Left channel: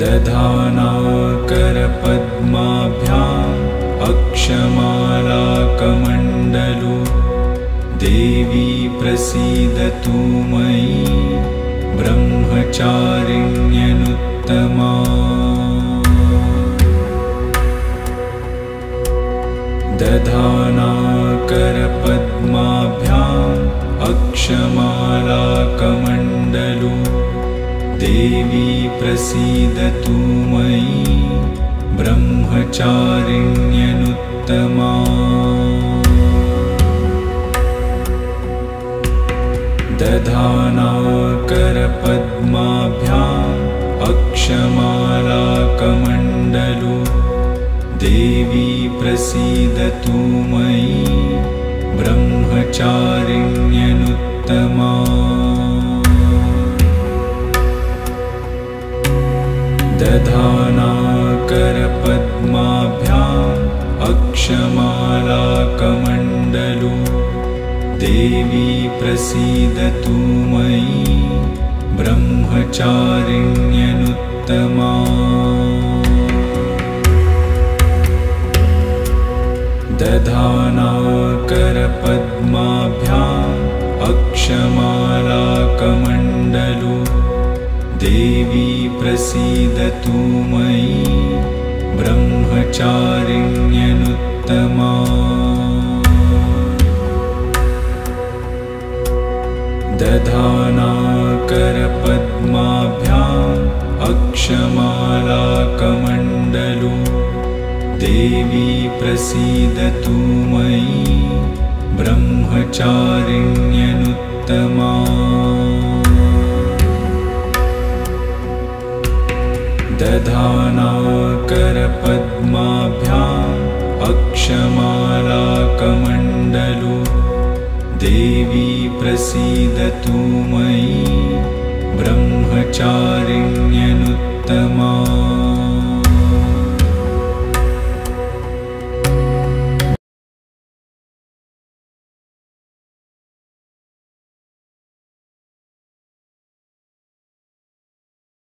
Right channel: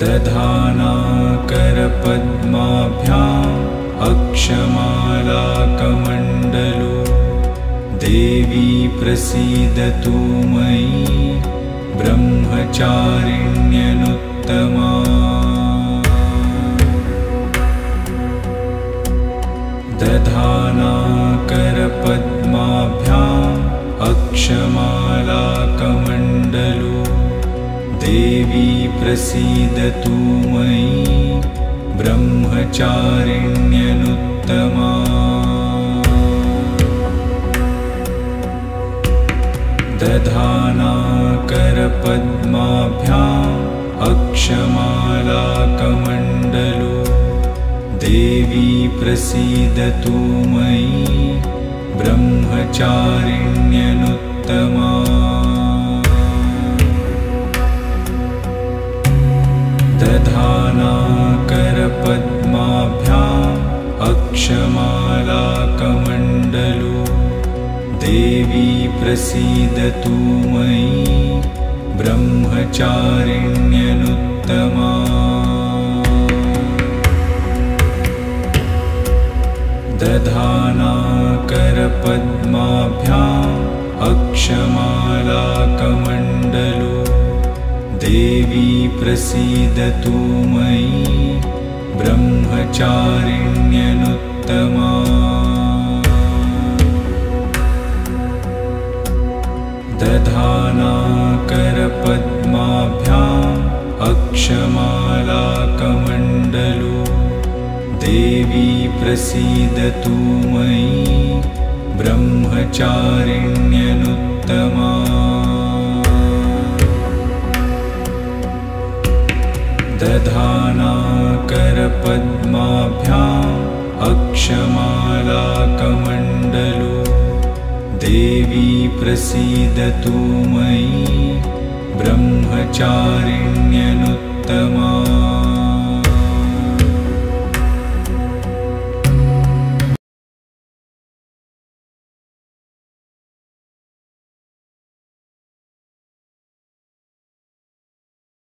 दधानाकरपद्माभ्याम् अक्षमालाकमण्डलु देवी प्रसीदतु मयि ब्रह्मचारिण्यनुत्तमा दधानाकरपद्माभ्याम् अक्षमालाकमण्डलु देवी प्रसीदतु मयि ब्रह्मचारिण्यनुत्तमा दधानाकरपद्माभ्याम् अक्षमालाकमण्डलु देवी प्रसीदतु मयि ब्रह्मचारिण्यनुत्तमा दधानाकरपद्माभ्याम् अक्षमालाकमण्डलु देवी प्रसीदतु मयि ब्रह्मचारिण्यनुत्तमा दधानाकरपद्माभ्याम् अक्षमालाकमण्डलु देवी प्रसीदतु मयि ब्रह्मचारिण्यनुत्तमा दधानाकरपद्माभ्याम् अक्षमालाकमण्डलु देवी प्रसीदतु मयि ब्रह्मचारिण्यनुत्तमा दधानाकरपद्माभ्याम् अक्षमालाकमण्डलु देवी प्रसीदतु मयि ब्रह्मचारिण्यनुत्तमा